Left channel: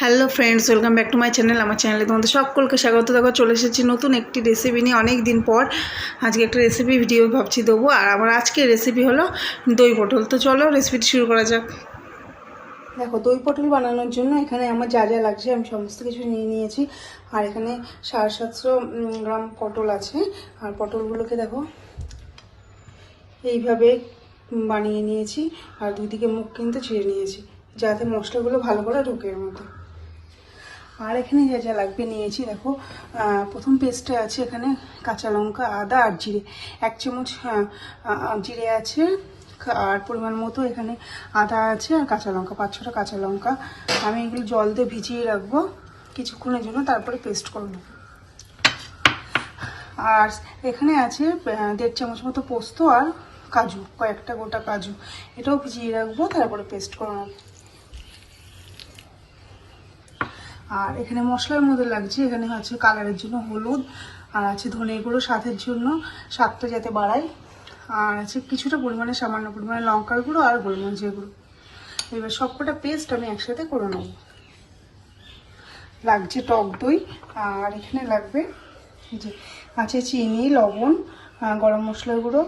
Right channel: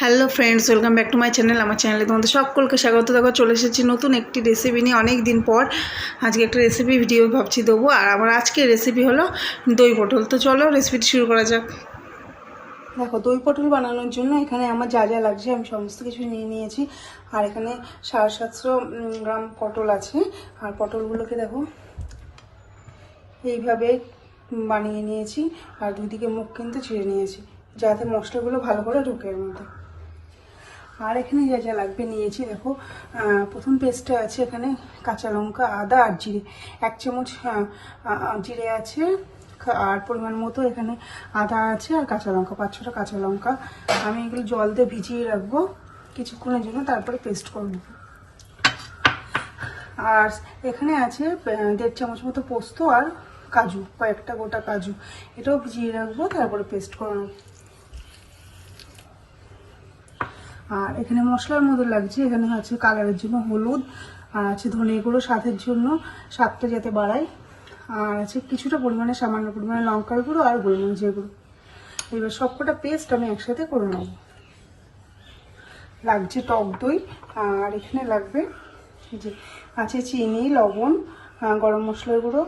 Hello friends, welcome back to my channel. আমার চ্যানেলে তোমাদের সকলকে স্বাগত। দেখো চলে এসেছি নতুন একটি রেসিপি নিয়ে। অনেক দিন পর আজকে একটা রেসিপি ভিডিও ভাবছি দেবো। আর আমার আজকের রেসিপি হলো দই পটল। তো চলো রেসিপিটি শুরু করা যাক। দেখো দই পটল বানানোর জন্য এখানে আমার যা যা লাগছে আমি সমস্ত কিছু নিয়ে নিয়েছি। আর এখানে 750 গ্রাম পটল আছে। আর পটলগুলোকে দেখো এইভাবে বানিয়ে নিয়েছি। আর দুদিকে মুখ কিন্তু চিড়ে নিয়েছি যাতে মশলাগুলো ভালো করে ঢুকে এর মধ্যে। আর এখানে যা যা লাগবে নিয়েছি দেখো। প্রথম পেস্টে আছে এখানে কাঁচা লঙ্কা, আদা আর জিরে। 1 চামচ জিরে আছে, আর পরিমাণ মতো এখানে আদা আছে, আর কাঁচা লঙ্কা 5-6টা কাঁচা লঙ্কা। আমি এগুলো জল দিয়ে ভিজিয়ে রাখবো কিছুক্ষণের জন্য, তারপরে পেস্ট করে নেবো। আর এখানে আছে 1.5 চামচ মতো পোস্ত আর কাজু, কয়েকটা গোটা কাজু। এটাও ভিজিয়ে রাখবো, তারপরে পেস্ট করে নেবো। আর এখানে মশলার মধ্যে লাগছে, এখানে আছে কালারের জন্য হলুদ, আর আছে ধনে গুঁড়ো স্বাদের জন্য, স্বাদটা যাতে বাড়ায়, আর আছে কিছুটা পরিমাণে সামান্য পরিমাণে লঙ্কার গুঁড়ো আর গোলমরিচের গুঁড়ো। এবার সবকটা পেস্ট আমি একসাথে করে নেব। লাগছে টক দই, আর এখানে লাগবে যে আছে চিনি, লবণ, গরম মশলার গুঁড়ো,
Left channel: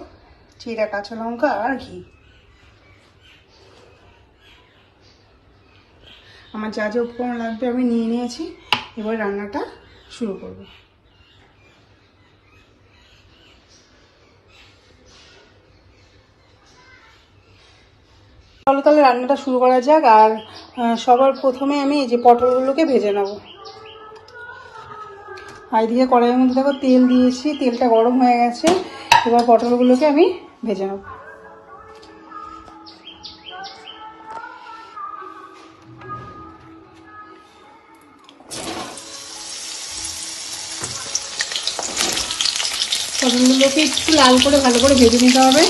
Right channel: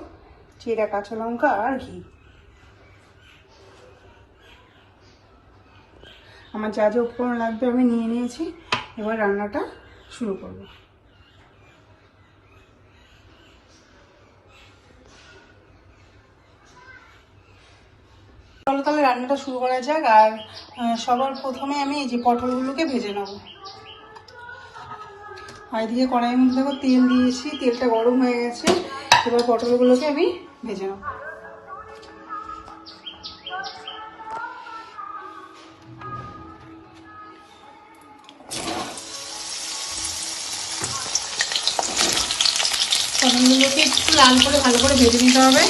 চিরা, কাঁচা লঙ্কা আর ঘি। আমার যা যা উপকরণ লাগবে আমি নিয়ে নিয়েছি। এবার রান্নাটা শুরু করব। চলো তাহলে রান্নাটা শুরু করা যাক। আর সবার প্রথমে আমি এই যে পটলগুলোকে ভেজে নেব। আর এদিকে কড়াইয়ের মধ্যে দেখো তেল দিয়েছি, তেলটা গরম হয়ে গেছে। এবার পটলগুলোকে আমি ভেজে নেব। পটলগুলোকে একটু লাল করে ভালো করে ভেজে নিতে হবে।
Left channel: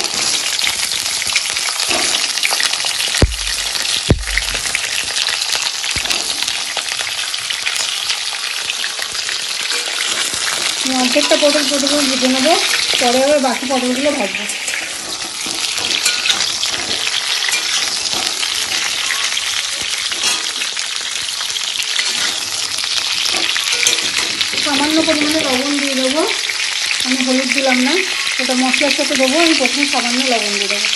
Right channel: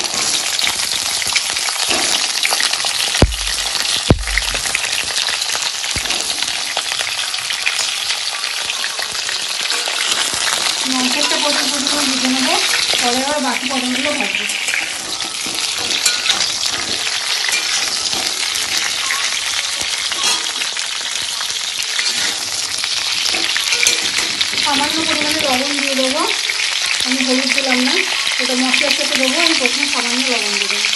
অর্ধেকটা পটল প্রথমে ভেজে নেবো, পরে আবার বাকি পটলগুলো ভাজবো। সামান্য পরিমাণে লবণ দিয়ে দেবো। আমি হলুদ দিলাম না, ওটা মশলার সাথে দেবো। আমি প্রথমে সামান্য লবণ দিয়ে দেবো।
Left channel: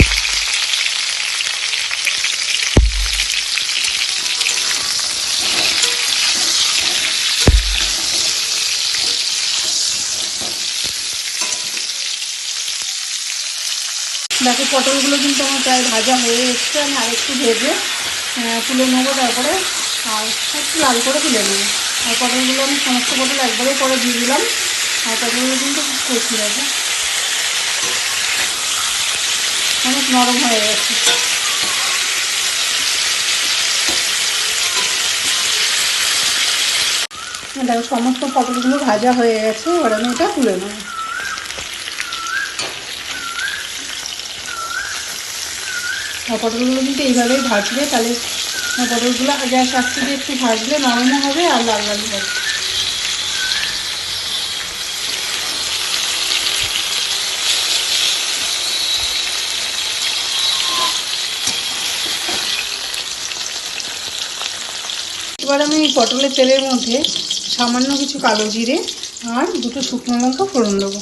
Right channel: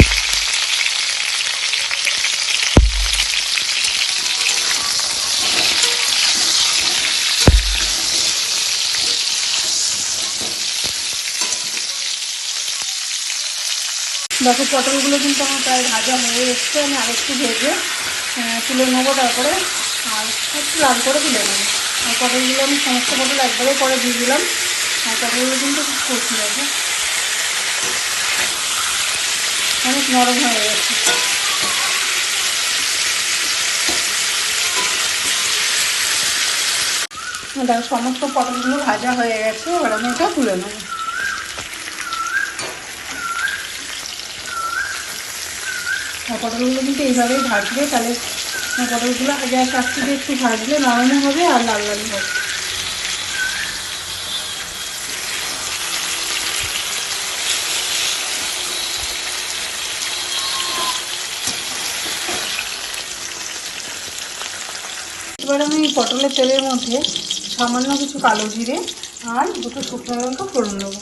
দেখো পটলগুলো কিন্তু আমার প্রায় ভাজা হয়ে এসছে। আমি আরেকটু ভেজে তুলে নেবো, তারপরে আর একটু লাল করে তুলে নেবো। আর পটলগুলো আমি সমস্ত পটল একবারে পরে দিয়ে দিলাম। আর পটলগুলো কিন্তু কষি আছে, অনেক নরম হয়ে গেছে। দেখো সমস্ত পটলগুলো ভাজা হয়ে গেছে। এবার আমি এটা তুলে নেবো। পটলগুলো কিন্তু এইভাবেই ভাজবে, তাহলে পটলগুলো গ্যাস আস্তে দিয়ে একটু ভাজলে নরমও হবে আর লাল লাল হবে। এবার আমি পটলের তেলের মধ্যে সামান্য কিছু কালো জিরে আর 2টো শুকনো লঙ্কা ফোড়ন দেবো।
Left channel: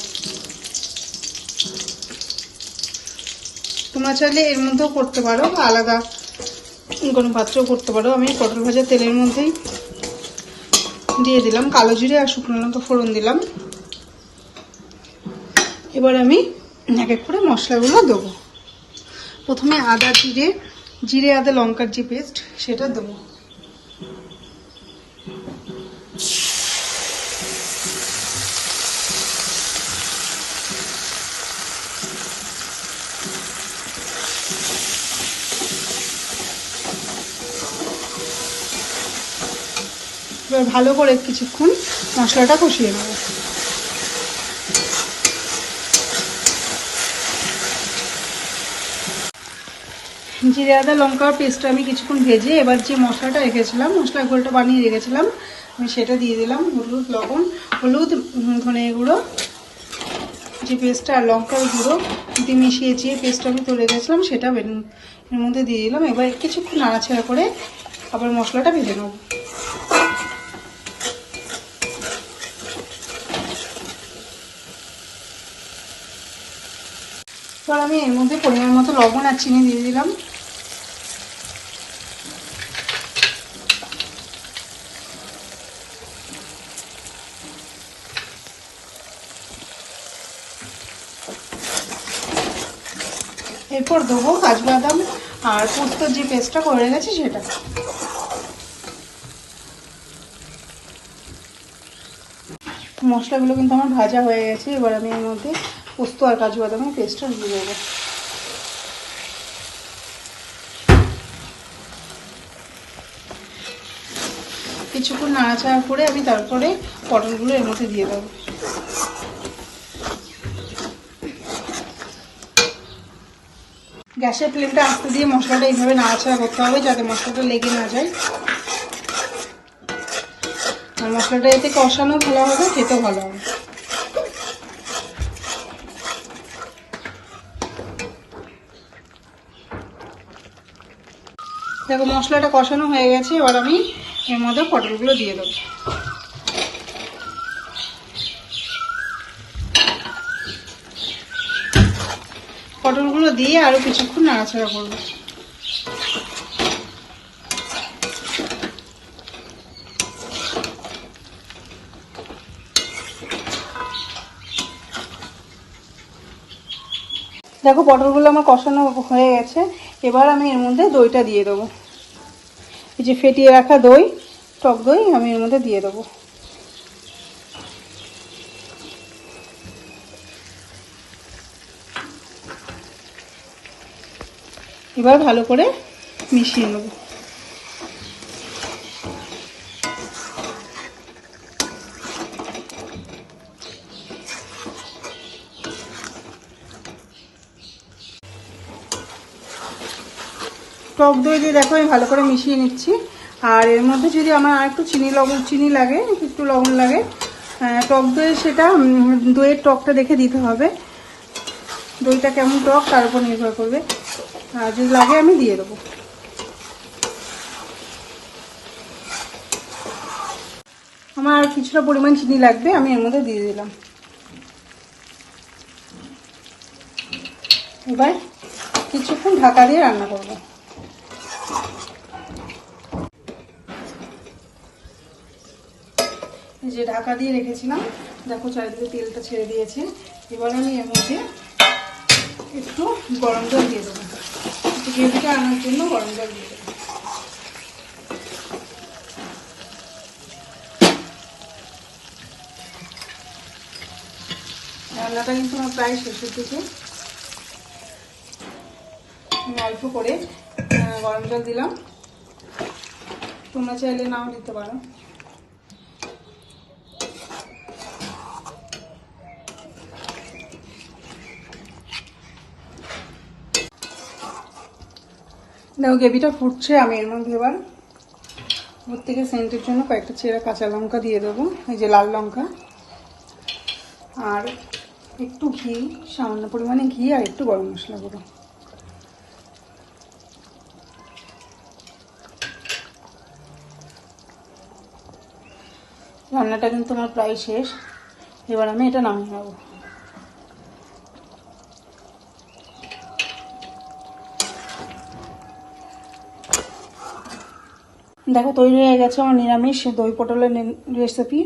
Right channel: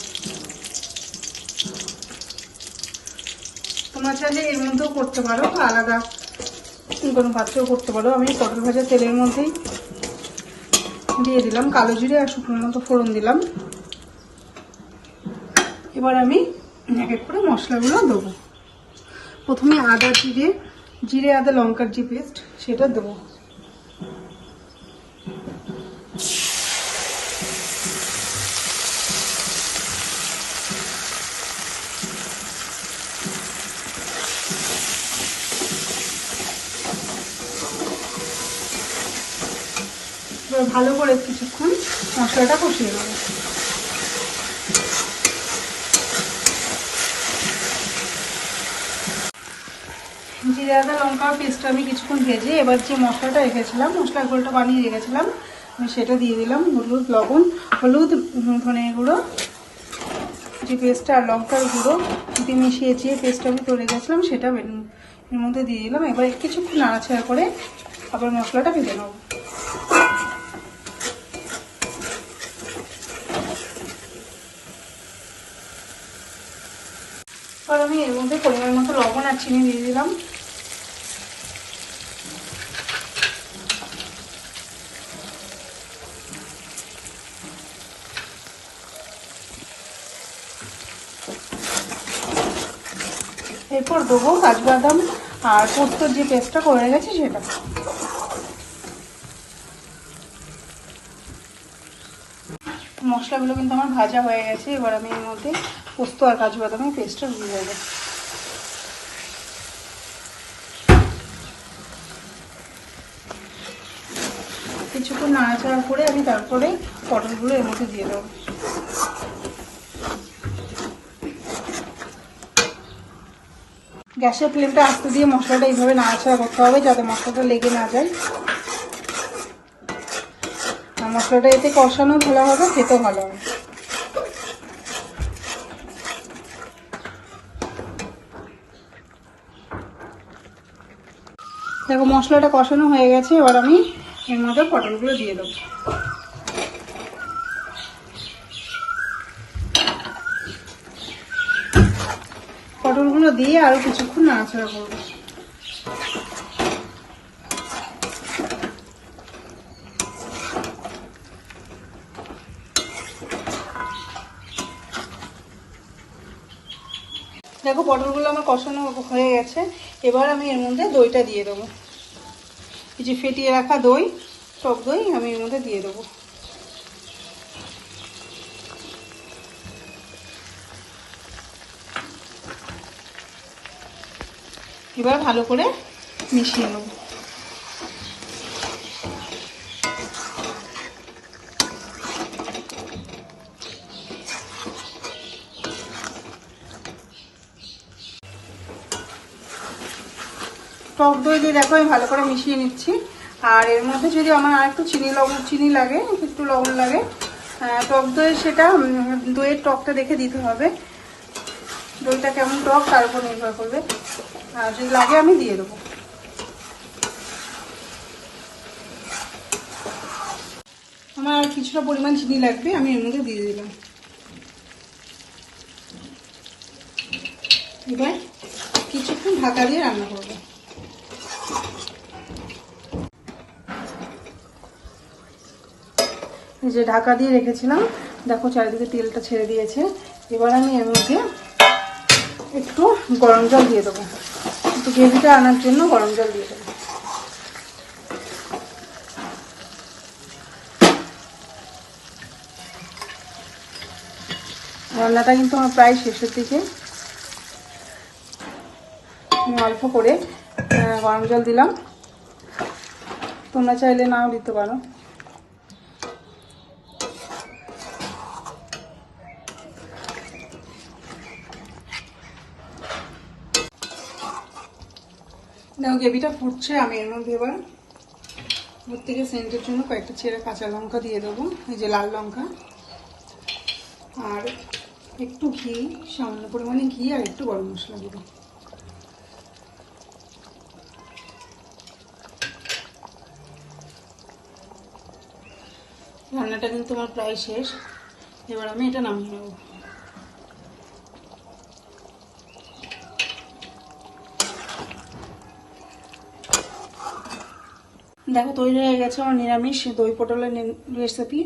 তোমরা চাইলে এর মধ্যেও করতে পারো, আলাদা কোনো পাত্রেও করতে পারো। আমি পটল ভাজা তেলের মধ্যেই দিয়ে দিলাম কালো জিরে আর শুকনো লঙ্কা ফোড়ন দিলাম। এবার আমি এক এক করে মশলাগুলো দেবো। প্রথমে আদা জিরে আদা লঙ্কার যে পেস্ট সেটা দেবো। এবার ভালো করে কিছুক্ষণ মশলাটা কষিয়ে নেব। জিরে আদা লঙ্কা পেস্টটা আমি কিছুক্ষণ ভেজে এবার যে মশলাটা রেখেছিলাম, মশলার ঘোলটা বানিয়ে রেখেছিলাম, আমি সেটা দিয়ে দিলাম। হলুদ ধনে গুঁড়ো, যে পেস্টটা আর লঙ্কার গুঁড়ো দিয়ে মিশিয়েছি, পেস্টটা আমি তৈরি রেখেছিলাম সেটা এর মধ্যে দিয়ে দিলাম। এবার কিছুক্ষণ নাড়াচাড়া করে আবার মশলাটা ভেজে নেব। এবার আমি এর মধ্যে পরিমাণ মতো লবণ আর চিনি দিয়ে দিলাম। এরপর দেবো কাজু বাদাম আর পোস্তর যে পেস্টটা করে গেছে সেটা। মশলাগুলো কিন্তু আমার ভাজা হয়ে গেছে। এবার আমি এর মধ্যে পোস্ত আর কাজু বাদামের পেস্টটা দিয়ে দেবো। কিছুক্ষণ নাড়াচাড়া করে আমি তারপরে পটলগুলো এর মধ্যে দিয়ে দেবো। গ্যাসের ফ্লেমটা আস্তে দিয়ে মশলাটা এইভাবে নাড়াচাড়া করতে হবে যাতে মশলাটা লেগে না যায়। আর মশলাটা এতে কষানো ভালো হবে, খেতে ভালো হবে। দেখো মশলাটা কষানো হয়ে গেছে। এবার আমি এর মধ্যে পটলগুলো দিয়ে দেবো। পটলগুলো দিয়ে আরো কিছুক্ষণ নাড়াচাড়া করবো। দেখো পটলগুলো আমার কষানো হয়ে গেছে। এবার আমি এর মধ্যে দইটা দিয়ে দেবো। এই যে ফেটিয়ে রাখা দই, টক দই আমি এর মধ্যে দিয়ে দেবো। এবার ভালো করে মিশিয়ে নেব। টক দই দিয়ে দেখো আমি ভালো করে মিশিয়ে নিচ্ছি। আর এর মধ্যে যদি আমার আর একটু চিনি লাগে, একটু লবণ লাগে, টক দই সেটা দইয়ের টকটা দেখে দিতে হবে। দইটা কেমন টক তার উপর নির্ভর করবে। আর যদি লাগে আমি দিয়ে দেবো। আমার আর কিছুটা পরিমাণ চিনি লাগবে, আমি এর মধ্যে দিয়ে দিলাম। এবার কিছুক্ষণ ঢাকা দিয়ে রান্না করব। এই যে ঢাকা দিয়ে রেখেছিলাম, দেখো চারিদিকে তেলটা ছেড়ে দিয়েছে। এবার আমি এর মধ্যে একটু গরম জল দিয়ে দেবো। একটু গ্রেভিটা আনার জন্য গরম জল দিয়ে দেবো। রান্নাটা কিন্তু আমার প্রায় শেষের দিকে। আমি অল্প করে গরম জল দিলাম, তোমরা চাইলে নাও দিতে পারো। দেখো গ্রেভিটা ফুটছে। আমি এর মধ্যে এবার ওর থেকে সেন্টের জন্য কয়েকটা চেরা কাঁচা লঙ্কা দিয়ে দেবো, এই যে লাল লঙ্কা, আর একটু ঘি, সামান্য পরিমাণে ঘি, আর একটু গরম মশলা দেবো। রান্নাটা কিন্তু আমার প্রায় শেষ। এবার আমি এটা নামিয়ে নেব। দেখো তৈরি হয়ে গেছে আমার নিরামিষ দই পটলের রেসিপি।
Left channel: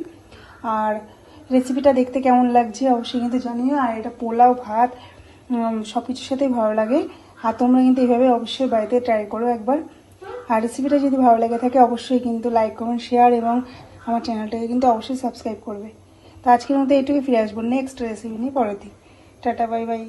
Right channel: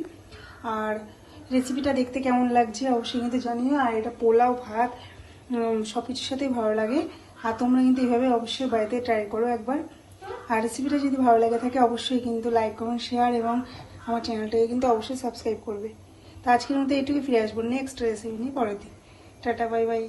আর রেসিপিটা দেখতে কেমন লাগছে অবশ্যই কিন্তু জানিও। আর এটা পোলাও, ভাত সব কিছুর সাথেই ভালো লাগে। আর তোমরা কিন্তু এইভাবে অবশ্যই বাড়িতে ট্রাই করো একবার। আর রেসিপিটা যদি ভালো লেগে থাকে অবশ্যই কিন্তু লাইক করুন, শেয়ার, এবং আমার চ্যানেলটাকে কিন্তু অবশ্যই সাবস্ক্রাইব করবে। তো আজকের মতো এইটুকু, ফিরে আসবো নেক্সট রেসিপি নিয়ে পরের দিন। Tata, bye bye.